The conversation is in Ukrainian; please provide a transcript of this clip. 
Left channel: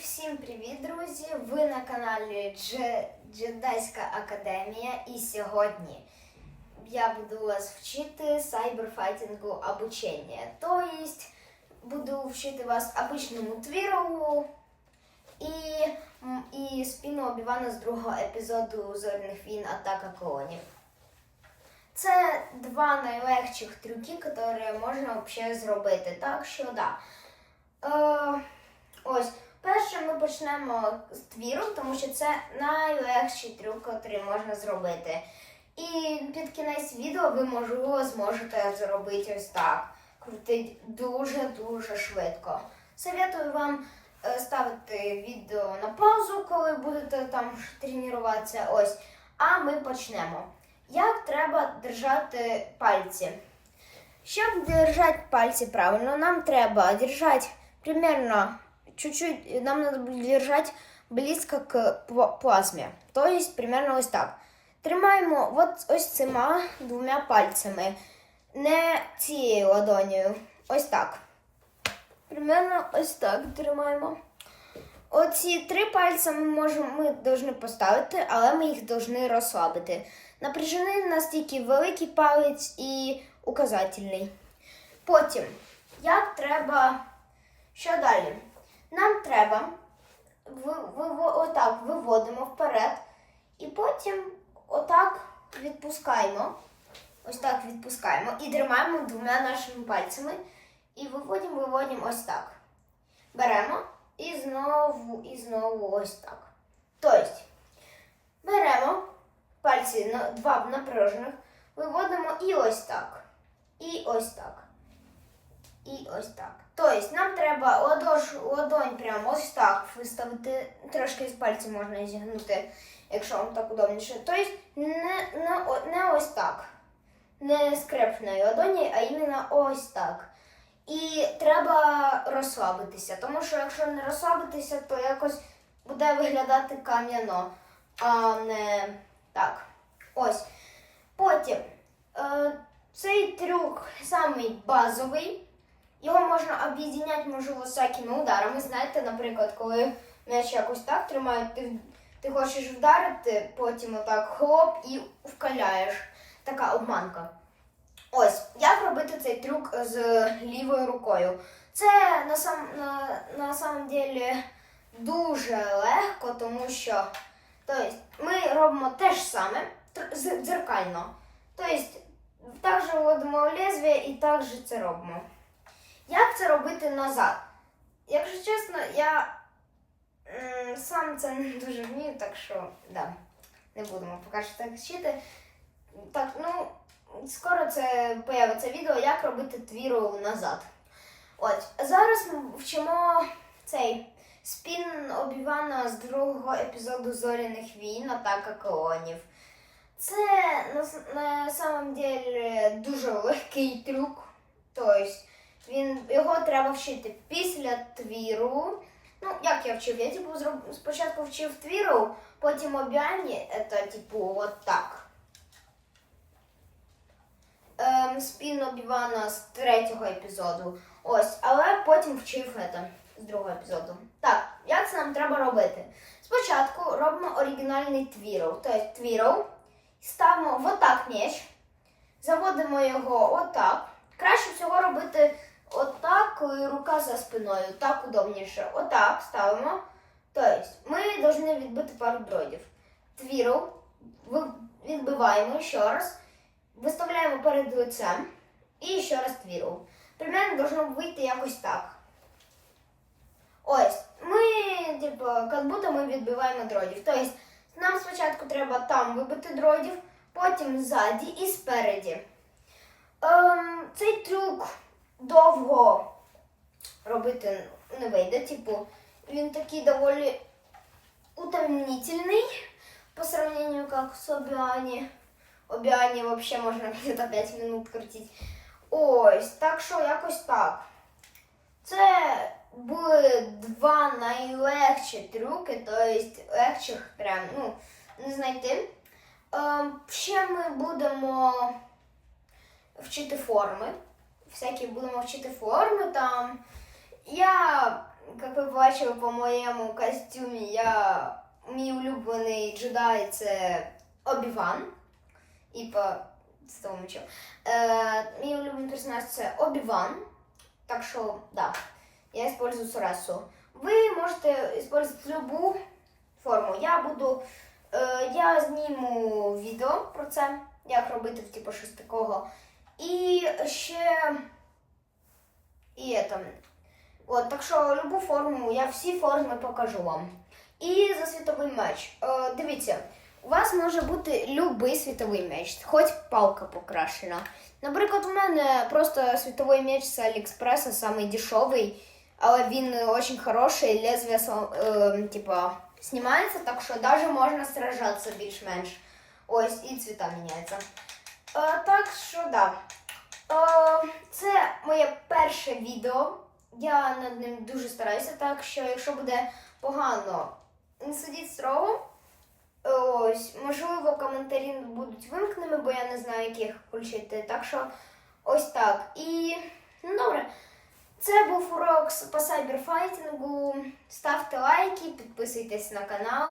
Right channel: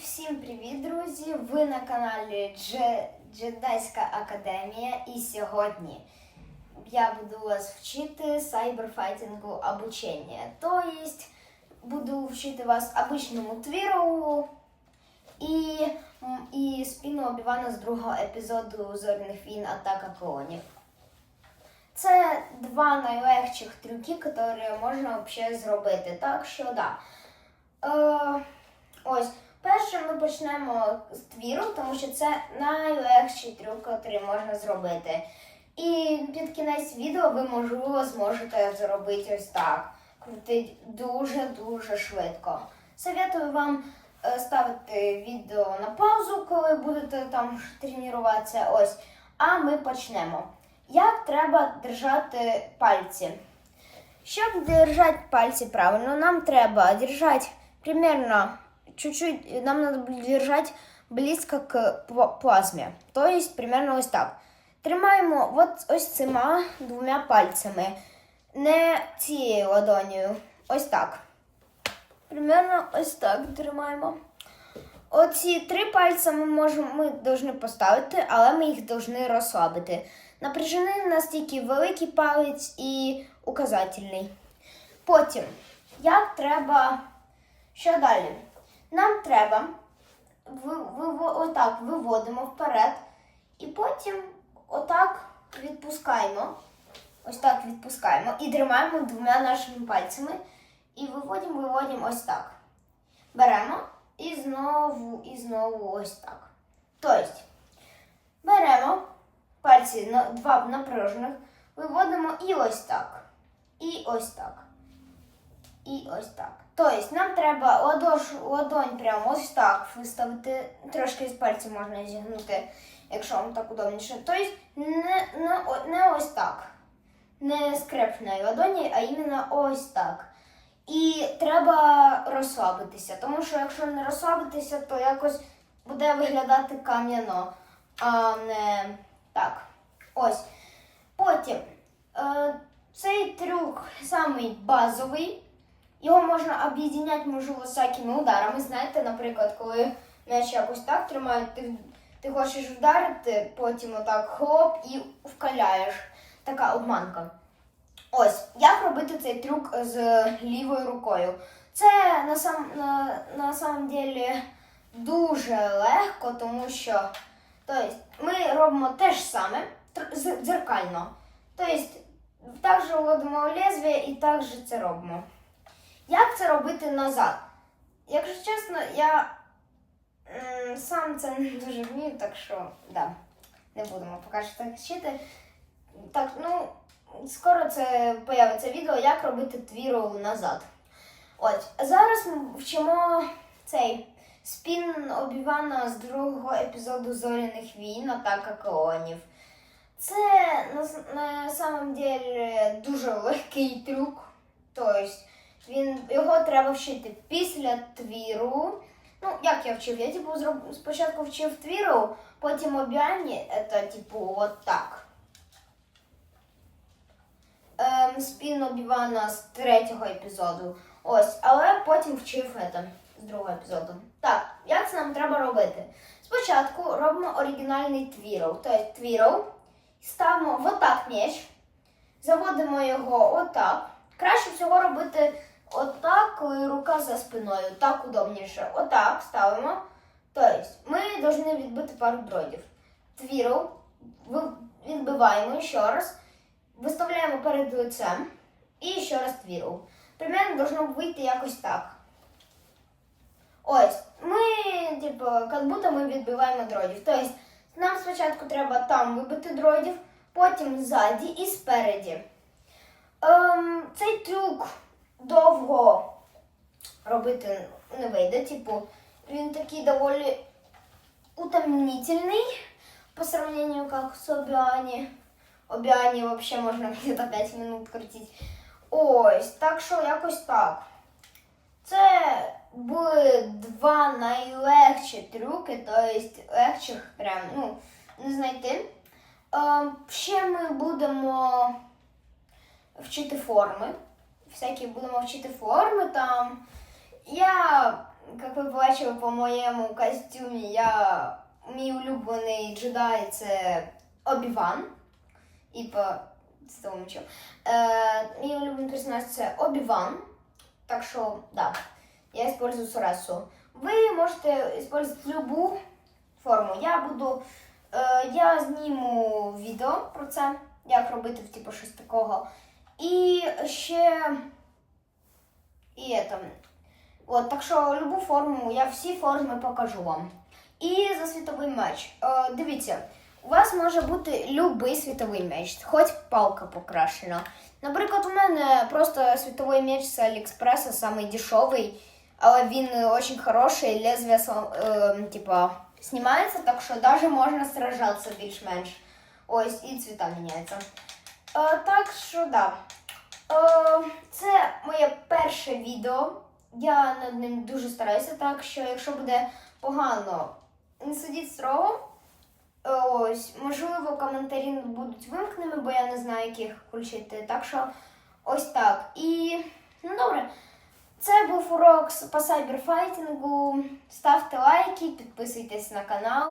Всім привіт, друзі! Ви на каналі Дже- Джедайська Академія. І сьогодні я буду вас вчити сайберфайтингу обучення. То есть буду вчити вас обичному твіру і, і спіну Обівана з другого епізоду Зоряних війн Атака клонів. Це два найлегших трюки, які можна взагалі зробити. Так що да. Е, ось, перше ми почнемо з твіру, тому що це найлегший трюк, який можна зробити. І під кінець відео ви, можливо, зможете зробити ось так. Крутить дуже-дуже швидко. Советую вам е, ставити відео на паузу, коли будете там тренуватися. Ось. А ми почнемо. Як треба держати пальці? Щоб держать пальцы правильно, нам треба держать примерно чуть-чуть, нам надо держать близько к пла- плазмі. То есть примерно ось так. Тримаємо от ось цими двома пальцями, не цією ладонью. Ось так. Примерно ось так тримаємо. Оці три пальці ми можемо, ми повинні поставити, але ми їх повинні розслабити. Напряжений настільки великий палець і указательний. Потім, як треба. Що далі? Нам треба ви, ви, отак виводимо вперед, і потім отак відпускаємо. Ось так відпускаємо і тримаємо двома нашими пальцями. І виводимо, виводимо ось так. Беремо і знову, і знову ось так. Тобто, беремо пальці два напружених, виводимо і ось так. І ось так. І ось так. Тобто нам треба ладош, ладонь прямо ось так виставити. Трошки з пальців можна зігнути, якщо вам так удобніше. Тобто не, не, не ось так. Не скрепної ладоні, а іменно ось так. І треба розслабитися, тому що якщо не розслабитися, то якось буде виглядати кам'яно, а не так. Ось. Потім е, цей трюк самий базовий. Його можна об'єднати, можливо, всякими ударами. Знаєте, наприклад, коли м'яч якось так тримають, ти, ти хочеш вдарити, потім отак хлоп і вкаляєш. Така обманка. Ось, як робити цей трюк з лівою рукою. Це на сам, на, на самом деле дуже легко, тому що тобто, ми робимо те ж саме дзеркально. Тобто, також вводимо лезвие і також це робимо. Як це робити назад? Якщо чесно, я сам це не дуже вмію, так що да, не будемо поки так вчити. Так, ну, скоро це появиться відео, як робити твіру назад. От, зараз ми вчимо цей спін Обівана з другого епізоду Зоряних війн Атака клонів. Це на, на самом деле дуже легкий трюк. Тобто він, його треба вчити після твіру. Ну, як я вчив? Я типу зроб, спочатку вчив твіру, потім обіані, це типу от так. Ем, спін Обівана з третього епізоду. Ось, але потім вчив це з другого епізоду. Так, як це нам треба робити? Спочатку робимо оригінальний твіров. Тобто твіров, ставимо в отак м'яч, заводимо його отак. Краще всього робити отак, коли рука за спиною. Так удобніше. Отак ставимо. Тобто, ми повинні відбити пару дротів. Твіру відбиваємо ще раз, виставляємо перед лицем і ще раз твіру. Примерно должно вийти якось так. Ось, ми, типу, як будто ми відбиваємо дротів. Тобто, нам спочатку треба там вибити дротів, потім ззаді і спереді. Ем, цей трюк довго робити не вийде. Типу, він такий доволі утомнительний по сравнению как с Обіані. Обіані вообще можна где-то 5 минут крутити. Ось, так що якось так. Це були два найлегші трюки, тобто легших прям, ну, не знайти. Ем, ще ми будемо вчити форми. Всякі будемо вчити форми там. Я як ви бачили по моєму костюмі, я мій улюблений джедай це Обіван. І по цьому мечу. Е, мій улюблений персонаж це Обіван. Так що, да, я использую Соресу. Ви можете использовать любу форму. Я буду. Е, я зніму відео про це, як робити типу, щось такого. І ще. І там. От, так що любу форму, я всі форми покажу вам. І за світовий меч. Е, дивіться, у вас може бути любий світовий меч, хоч палка покрашена. Наприклад, у мене просто світовий меч з Аліекспреса, самий дешевий, але він дуже хороший, лезвие е, типа, знімається, так що навіть можна сражатися більш-менш. Ось, і цвіта міняються. Е, так що, да. Е, це моє перше відео. Я над ним дуже стараюся, так що якщо буде погано, не судіть строго. Ось, можливо, коментарі будуть вимкнені, бо я не знаю, як їх включити. Так що ось так. І ну добре. Це був урок по сайберфайтингу. Ставте лайки, підписуйтесь на канал.